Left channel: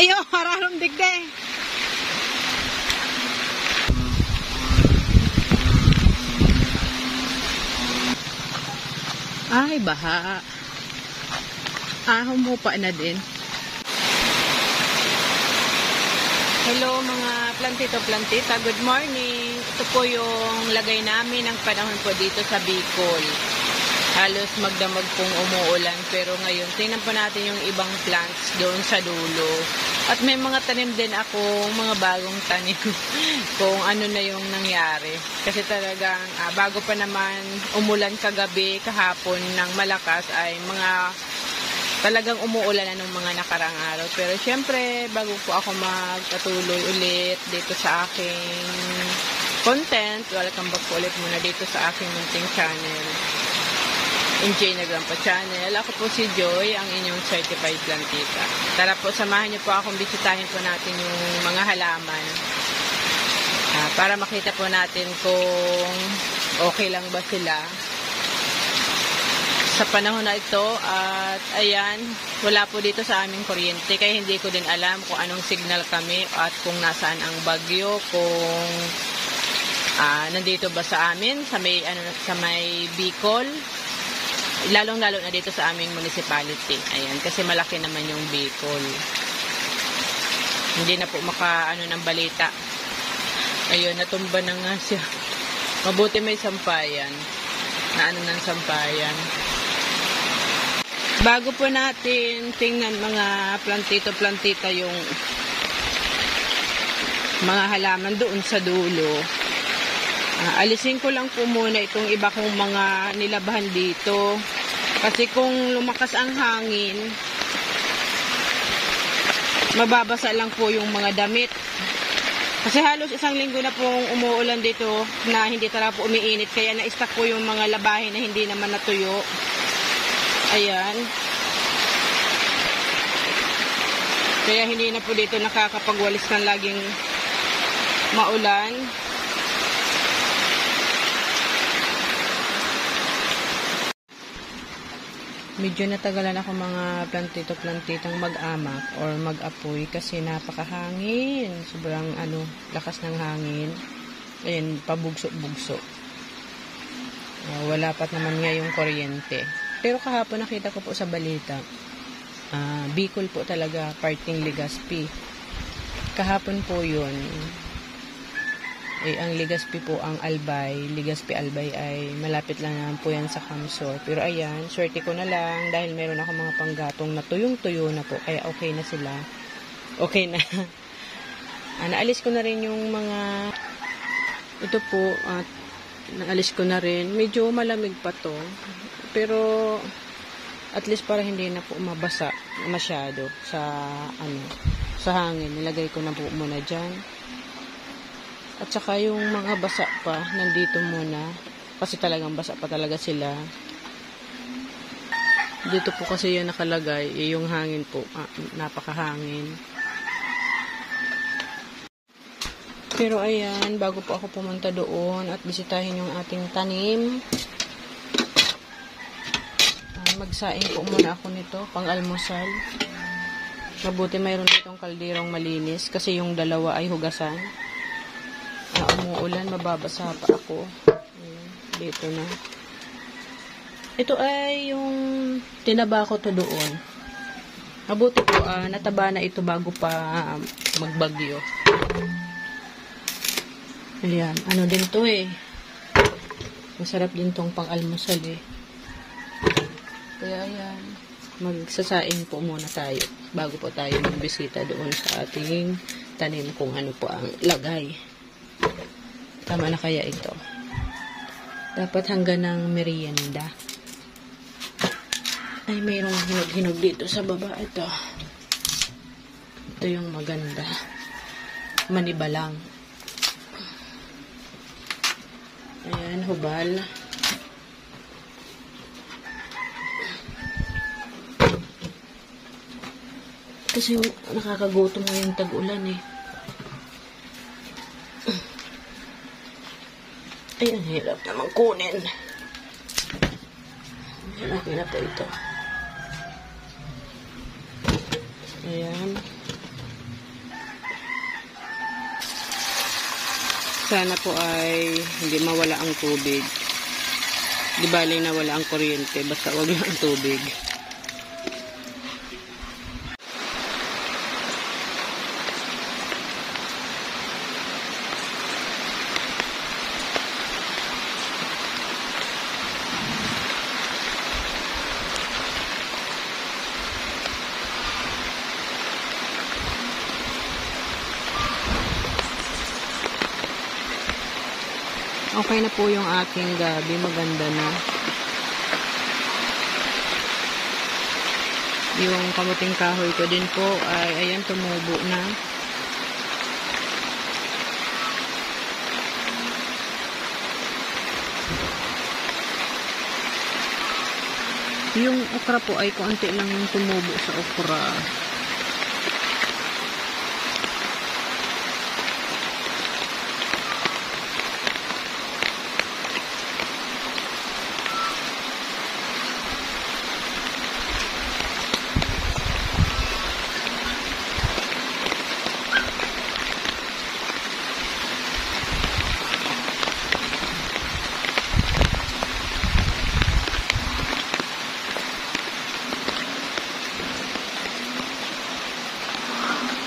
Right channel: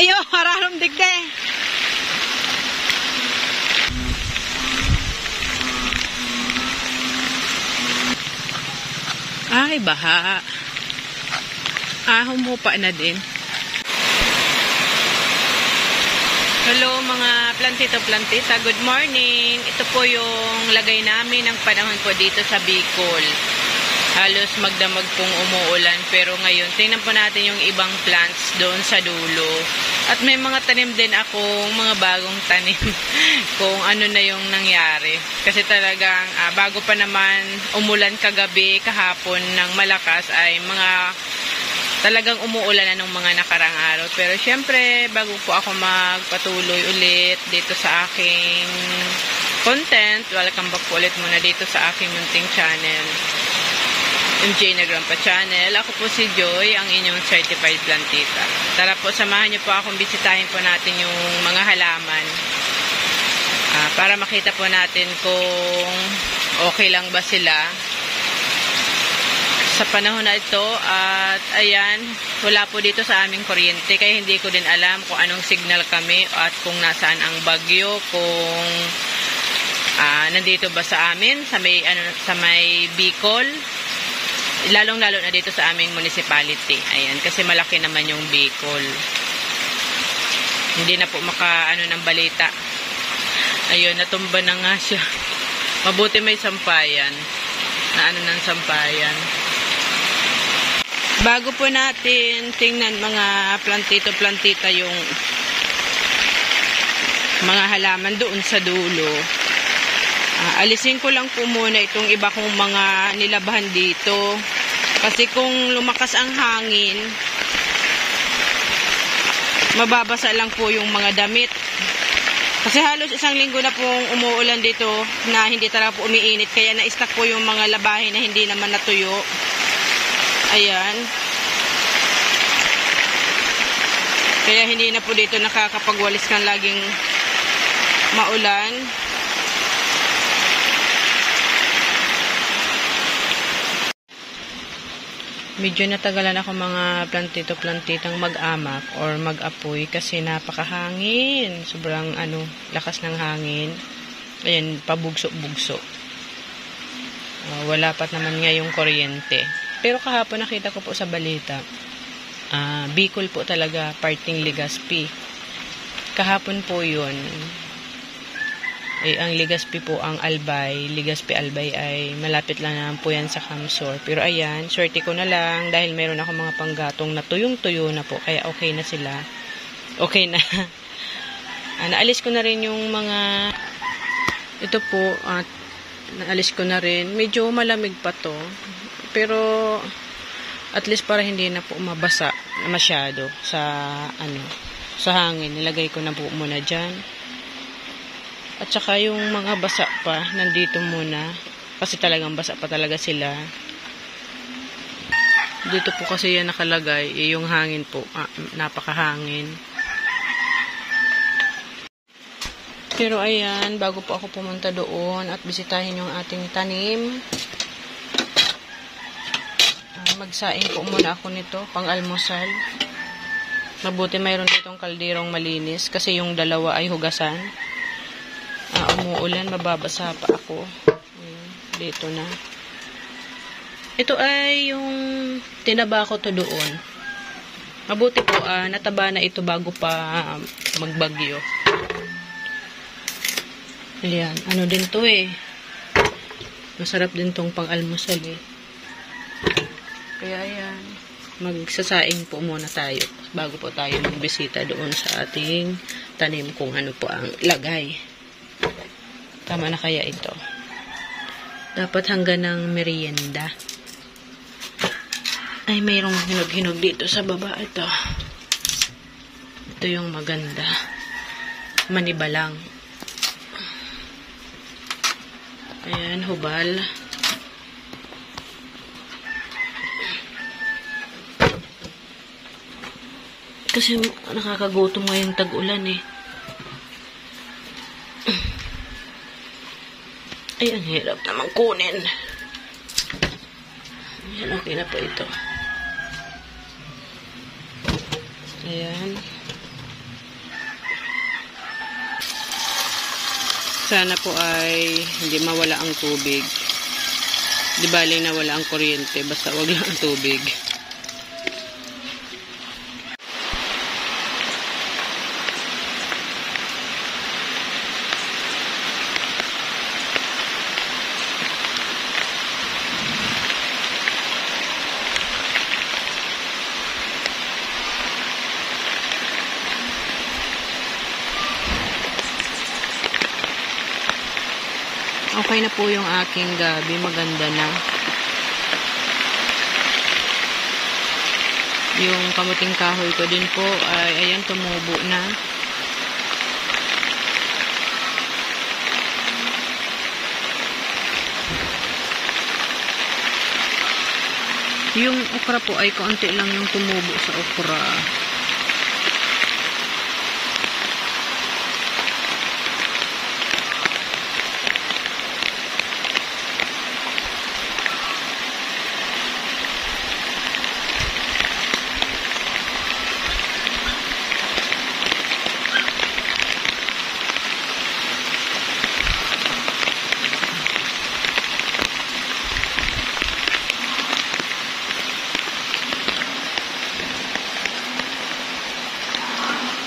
Ayo, hararom digde. Ay, baha. Humupa na din. Hello mga plantito-plantita, good morning. Ito po yung lagay namin ng panahon po dito sa Bicol. Halos magdamag pong umuulan, pero ngayon tingnan po natin yung ibang plants doon sa dulo. At may mga tanim din akong mga bagong tanim kung ano na yung nangyari. Kasi talagang bago pa naman umulan kagabi, kahapon ng malakas ay mga talagang umuulan na nung mga nakarang araw. Pero syempre, bago po ako magpatuloy ulit dito sa aking content, welcome back po ulit muna dito sa aking munting channel, MJ Negrampa Channel. Ako po si Joy, ang inyong certified plantita. Tara po, samahan niyo po akong bisitahin po natin yung mga halaman. Para makita po natin kung okay lang ba sila sa panahon na ito. At ayan, wala po dito sa aming kuryente, kaya hindi ko din alam kung anong signal kami at kung nasaan ang bagyo, kung nandito ba sa amin sa may Bicol, lalong-lalo na dito sa aming municipality. Ayan, kasi malaki naman yung Bicol. Hindi na po ng balita. Ayun, natumba na nga siya. Mabuti may sampayan. Ng sampayan. Bago po natin tingnan mga plantito-plantita yung mga halaman doon sa dulo, alisin ko lang po muna itong iba kong mga nilabahan dito. Kasi kung lumakas ang hangin, mababasa lang po yung mga damit. Kasi halos isang linggo na pong umuulan dito na hindi talaga po umiinit. Kaya na-stack po yung mga labahin na hindi naman natuyo. Ayan. Kaya hindi na po dito nakakapagwalis kan laging maulan. Medyo natagalan ako mga plantito-plantitang mag-amak or mag-apoy kasi napakahangin. Sobrang lakas ng hangin. Ayan, pabugso-bugso. Wala pat naman nga yung kuryente. Pero kahapon nakita ko po sa balita, Bicol po talaga, parting Legazpi. Kahapon po yun. Ang Legazpi po, ang Albay, Legazpi Albay ay malapit lang naman po yan sa Camsor. Pero ayan, swerte ko na lang dahil meron ako mga panggatong na tuyong-tuyo na po, kaya okay na sila. Okay na. Naalis ko na rin yung mga, ito po, at naalis ko na rin. Medyo malamig pa to. Pero at least para hindi na po mabasa masyado sa sa hangin, nilagay ko na po muna dyan. At saka yung mga basa pa nandito muna kasi talagang basa pa talaga sila. Dito po kasi yan nakalagay, yung hangin po, napakahangin. Pero ayan, bago po ako pumunta doon at bisitahin yung ating tanim, magsaing po muna ako nito, pang-almusal. Mabuti mayroon ditong kalderong malinis kasi yung dalawa ay hugasan. Umuulan, mababasa pa ako. Ayan, dito na. Ito ay yung tinaba ko to doon. Mabuti po, nataba na ito bago pa magbagyo. Ayan, din to eh. Masarap din tong pang-almusal eh. Kaya ayan, magsasaing po muna tayo bago po tayo magbisita doon sa ating tanim kung ano po ang lagay. Tama na kaya ito? Dapat hanggang ng merienda. Ay, mayroong hinog-hinog dito sa baba. Ito yung maganda. Manibalang. Ayan, hubal. Kasi nakakagutom ngayong tag-ulan eh. Ay, ang hirap naman kunin. Ayan, okay na po ito. Ayan. Sana po ay hindi mawala ang tubig. Di bali na wala ang kuryente, basta wag lang ang tubig. Okay na po yung aking gabi. Maganda na. Yung kamuting kahoy ko din po ay ayan, tumubo na. Yung okra po ay kaunti lang yung tumubo sa okra.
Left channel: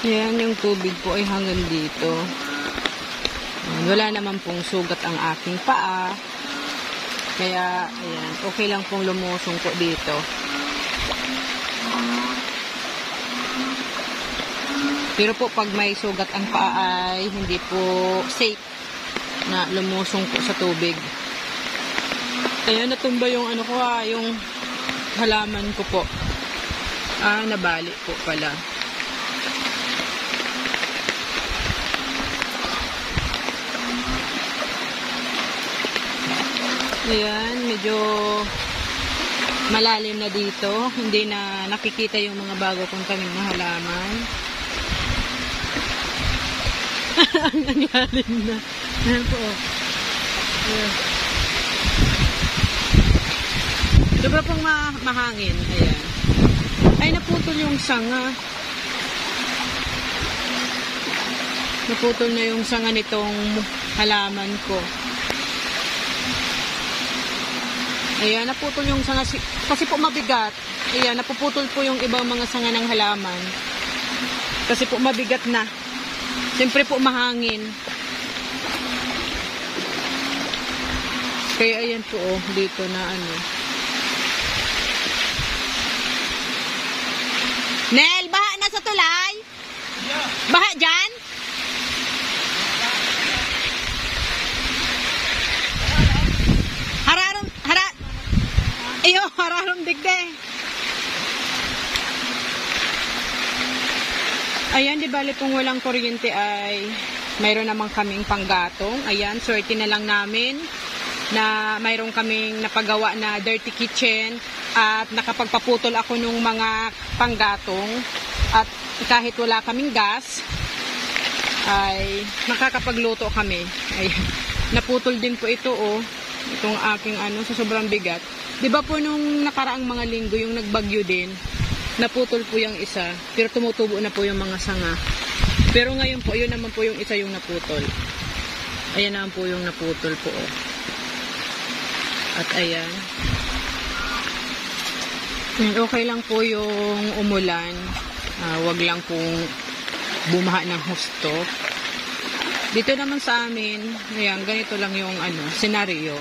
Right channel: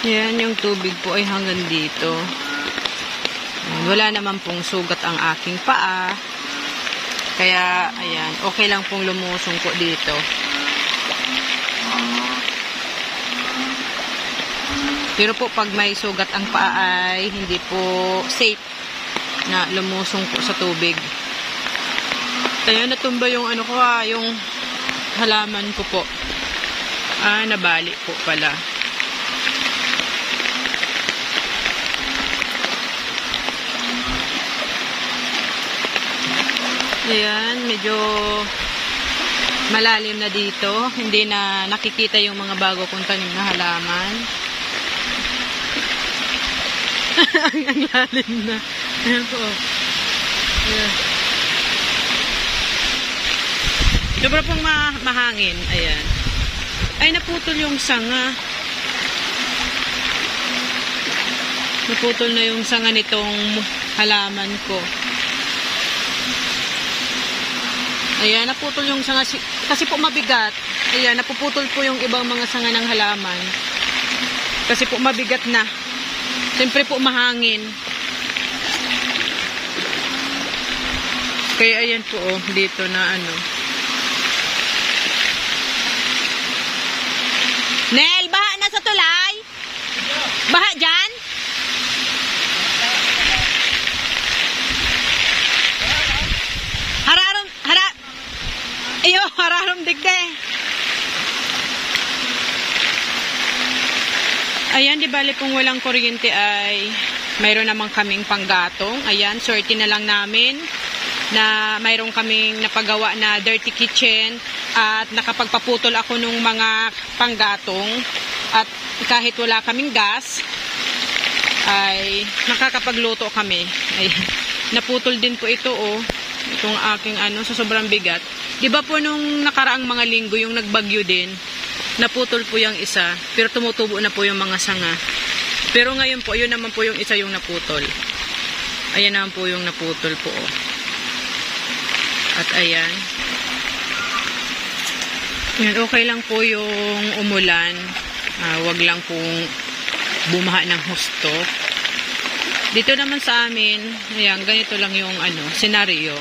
Yan, yung tubig po ay hanggang dito. Wala naman pong sugat ang aking paa. Kaya, ayan, okay lang pong lumusong po dito. Pero po, pag may sugat ang paa ay hindi po safe na lumusong po sa tubig. Ayan, natumba yung ano ko yung halaman ko po. Nabali po pala. Ayan, medyo malalim na dito. Hindi na nakikita yung mga bago kong tanim na halaman. Ang lalim na. Ayan po. Ayan. Sobra pong mahangin. Ayan. Ay, naputol yung sanga. Naputol na yung sanga nitong halaman ko. Ayan, naputol yung sanga. Kasi po mabigat. Ayan, napuputol po yung ibang mga sanga ng halaman. Kasi po mabigat na. Siyempre po mahangin. Kaya ayan po, dito na ano. Nel, baha na sa tulay? Baha dyan? Iyo, hararom digde. Ayan, di bali kung walang kuryente ay mayroon namang kaming panggatong. Ayan, swerte na lang namin na mayroon kaming napagawa na dirty kitchen at nakapagpaputol ako nung mga panggatong at kahit wala kaming gas ay nakakapagluto kami. Ay, naputol din po ito itong aking sa sobrang bigat. Diba po nung nakaraang mga linggo yung nagbagyo din, naputol po yung isa, pero tumutubo na po yung mga sanga. Pero ngayon po, yun naman po yung isa yung naputol. Ayan naman po yung naputol po. At ayan. Ayan, okay lang po yung umulan. Wag lang pong bumaha ng husto. Dito naman sa amin, ayan, ganito lang yung senaryo.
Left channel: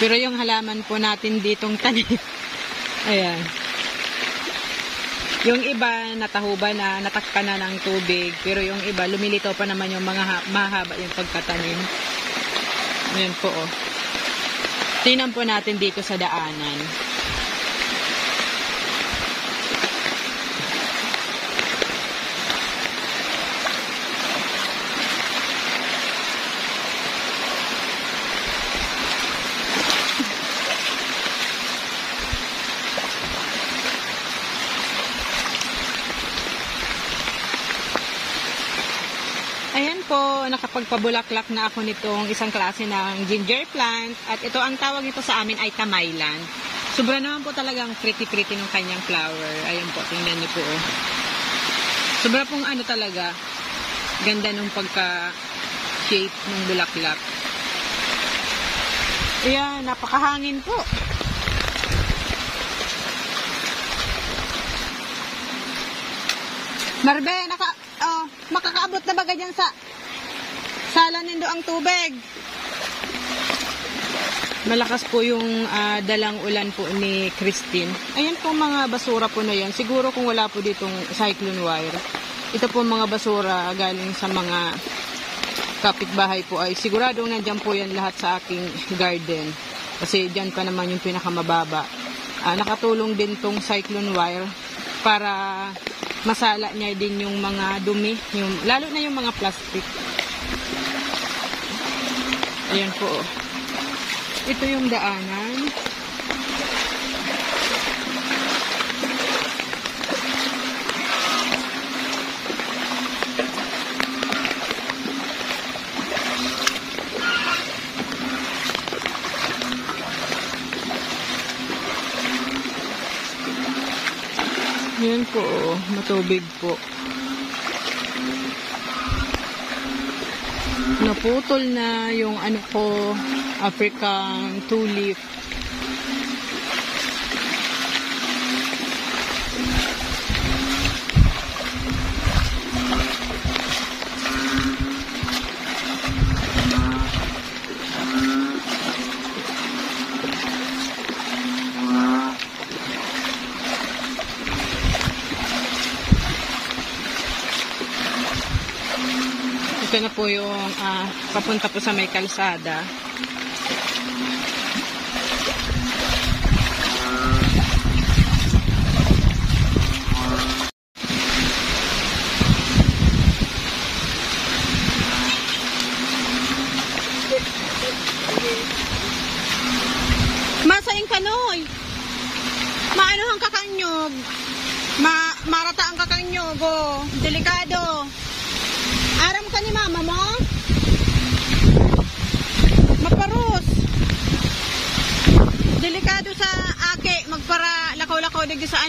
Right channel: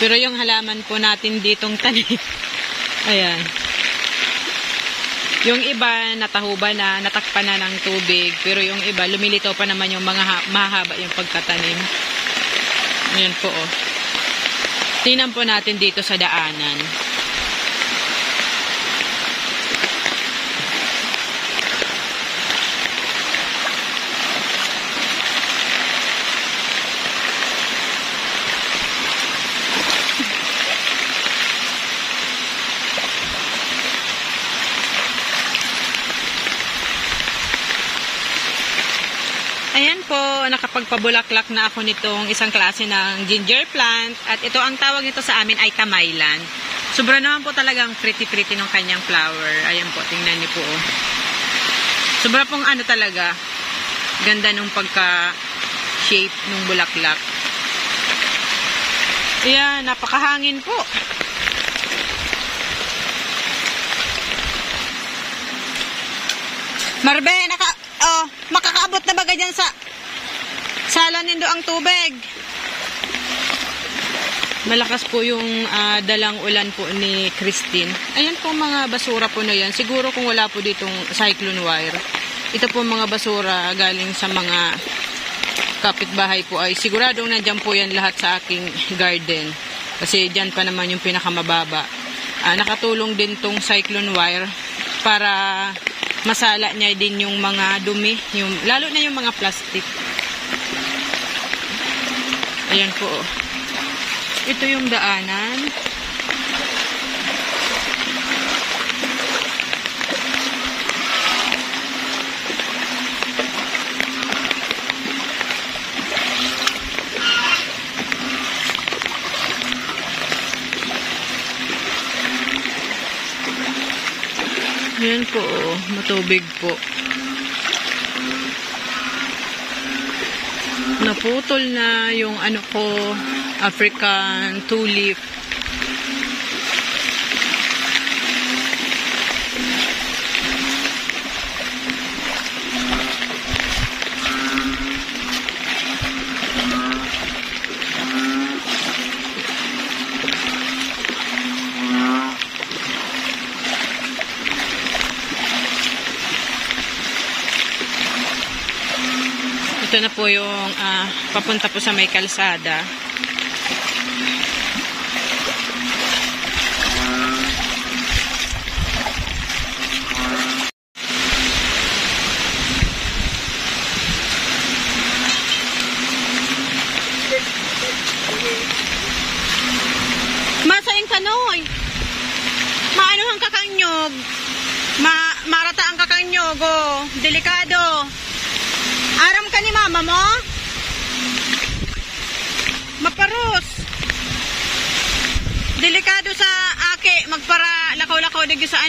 Pero yung halaman po natin ditong tanim, ayan. Yung iba, natahuba na, natakpan na ng tubig. Pero yung iba, lumilitaw pa naman yung mga mahaba yung pagkatanim. Ayan po, tingnan po natin dito sa daanan. Ayan po, nakapagpabulaklak na ako nitong isang klase ng ginger plant. At ito, ang tawag nito sa amin ay kamaylan. Sobra naman po talagang pretty-pretty ng kanyang flower. Ayan po, tingnan niyo po. Sobra pong talaga. Ganda nung pagka-shape ng bulaklak. Ayan, napakahangin po. Marbe, makakaabot na ba ganyan sa sala nindo ang tubig? Malakas po yung dalang ulan po ni Christine. Ayan po mga basura po na yan. Siguro kung wala po ditong cyclone wire, ito po mga basura galing sa mga kapitbahay po ay siguradong nandyan po yan lahat sa aking garden. Kasi dyan pa naman yung pinakamababa. Nakatulong din tong cyclone wire para masala niya din yung mga dumi, lalo na yung mga plastic. Ayan po. Ito yung daanan. Ayan po, matubig po. Naputol na yung African tulip. Ito na po yung papunta po sa may kalsada. Masaing kanoy. Maano ang kakanyog. Marata ang kakanyog. Oh. Delikado. Aram ka ni mama mo? Maparos. Delikado sa ake. Magpara lakaw-lakaw digyo sa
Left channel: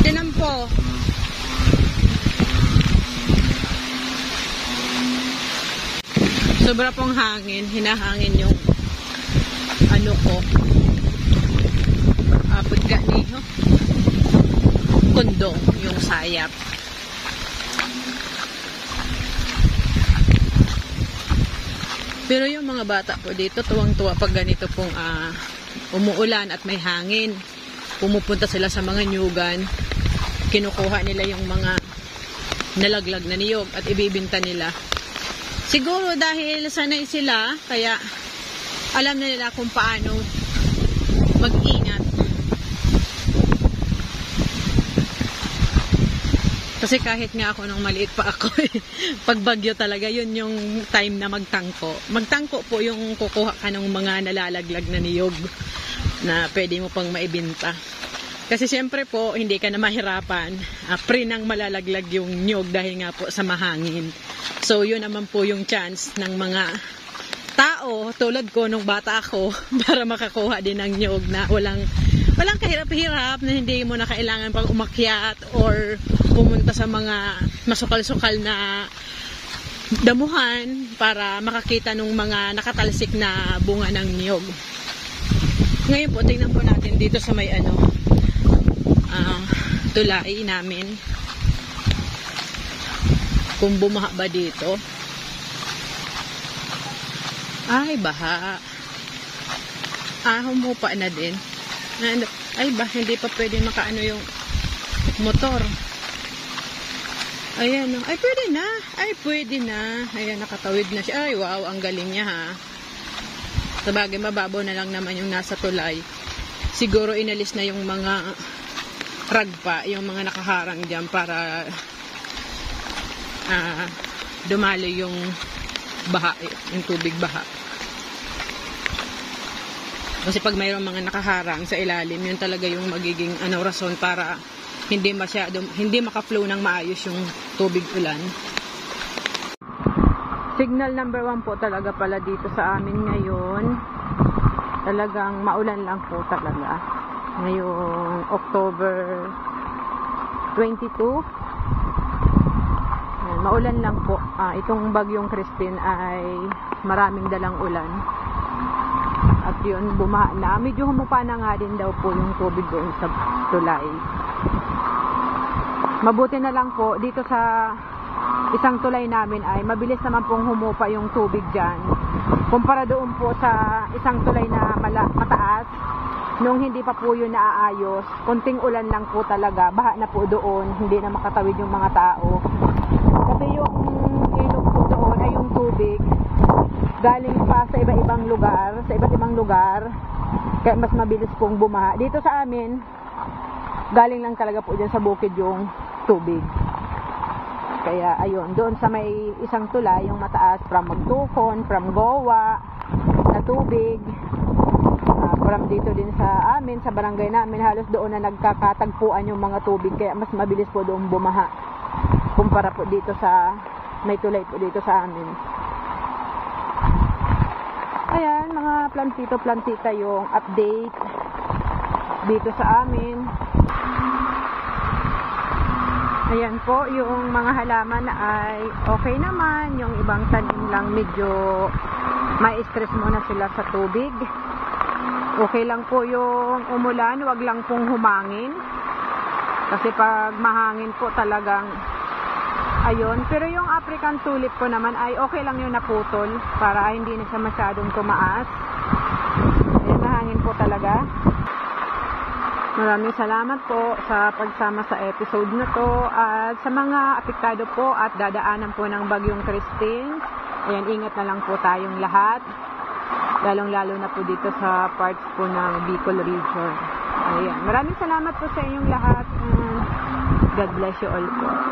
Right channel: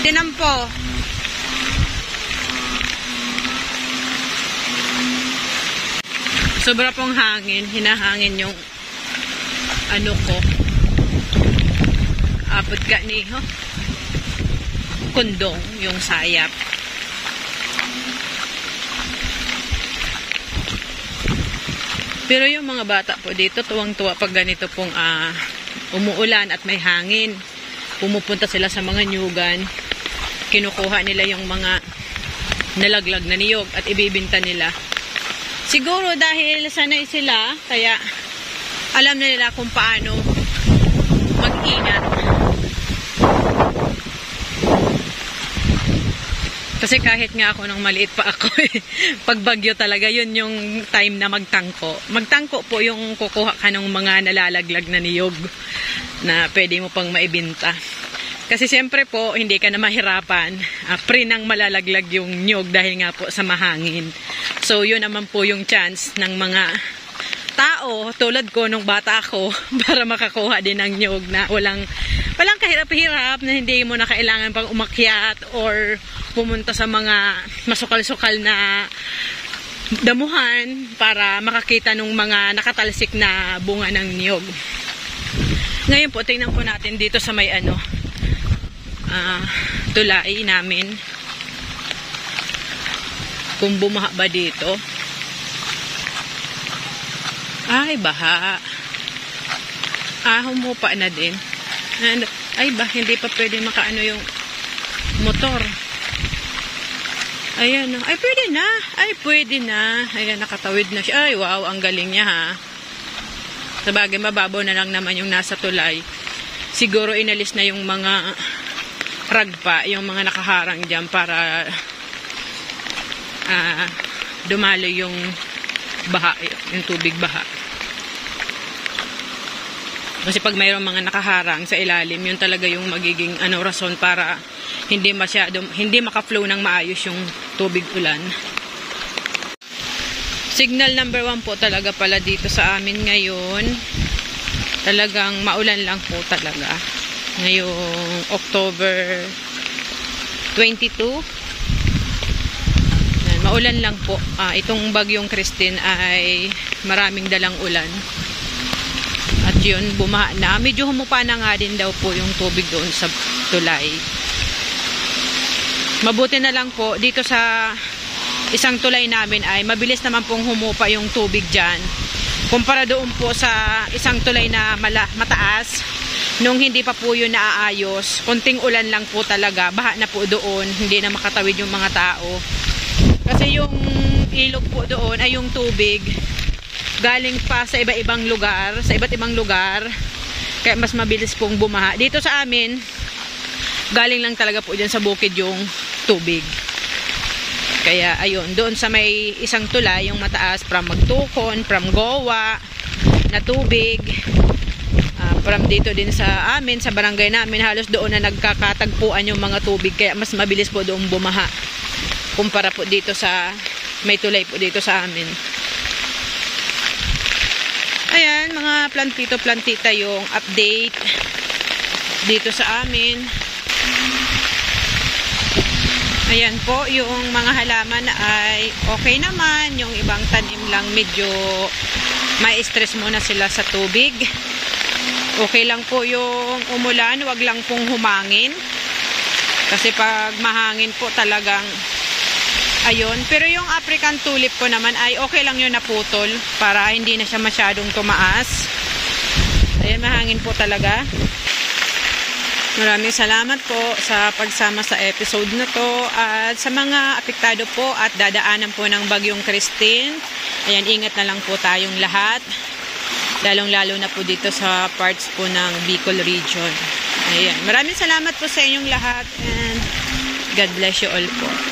tinampo. Sobra pong hangin. Hinahangin yung ko. Apod ka ni kondong yung sayap. Pero yung mga bata po dito, tuwang-tuwa pag ganito pong umuulan at may hangin. Pumupunta sila sa mga nyugan. Kinukuha nila yung mga nalaglag na niyog at ibibinta nila. Siguro dahil sanay sila, kaya alam na nila kung paano mag-ingat. Kasi kahit nga ako nung maliit pa ako, pag bagyo talaga, yun yung time na magtangko. Magtangko po yung kukuha ka ng mga nalalaglag na niyog na pwede mo pang maibinta. Kasi siyempre po, hindi ka na mahirapan. Pre nang malalaglag yung niyog dahil nga po sa mahangin. So yun naman po yung chance ng mga tao, tulad ko nung bata ako, para makakuha din ng niyog na walang kahirap-hirap, na hindi mo na kailangan pang umakyat or pumunta sa mga masukal-sukal na damuhan para makakita ng mga nakatalsik na bunga ng niyog. Ngayon po, tingnan po natin dito sa may tulay namin kung bumaha ba dito. Ay, baha. Humupa na din. Ay, hindi pa pwede makaano yung motor. Ayan, ay pwede na. Ay, pwede na. Ayan, nakatawid na siya. Ay, wow, ang galing niya ha. Sabagay, mababaw na lang naman yung nasa tulay. Siguro inalis na yung mga ragpa, yung mga nakaharang dyan para dumalo yung baha, yung tubig baha. Kasi pag mayroong mga nakaharang sa ilalim, yun talaga yung magiging rason para hindi maka-flow ng maayos yung tubig ulan. Signal number 1 po talaga pala dito sa amin ngayon. Talagang maulan lang po talaga. Ngayong October 22. Ayan, maulan lang po. Itong bagyong Christine ay maraming dalang ulan. At yun, bumaha na. Medyo humupa na nga din daw po yung tubig doon sa tulay. Mabuti na lang po, dito sa isang tulay namin ay mabilis naman pong humupa yung tubig dyan. Kumpara doon po sa isang tulay na mataas, nung hindi pa po yun naaayos, konting ulan lang po talaga, baha na po doon, hindi na makatawid yung mga tao. Kasi yung ilog po doon ay yung tubig galing pa sa iba't ibang lugar, kaya mas mabilis pong bumaha. Dito sa amin, galing lang talaga po dyan sa bukid yung tubig. Kaya ayun, doon sa may isang tulay, yung mataas, from Magtukon, from Goa, na tubig, from dito din sa amin, sa barangay namin, halos doon na nagkakatagpuan yung mga tubig, kaya mas mabilis po doon bumaha kumpara po dito sa may tulay po dito sa amin. Ayan, mga plantito-plantita yung update dito sa amin. Ayan po, yung mga halaman ay okay naman. Yung ibang tanim lang medyo may stress muna sila sa tubig. Okay lang po yung umulan, wag lang pong humangin. Kasi pag mahangin po talagang ayun. Pero yung African tulip ko naman ay okay lang yun naputol para hindi na siya masyadong tumaas. Ayan, mahangin po talaga. Maraming salamat po sa pagsama sa episode na to at sa mga apektado po at dadaanan po ng bagyong Christine. Ayan, ingat na lang po tayong lahat. Lalong-lalo na po dito sa parts po ng Bicol region. Ayan, maraming salamat po sa inyong lahat and God bless you all po.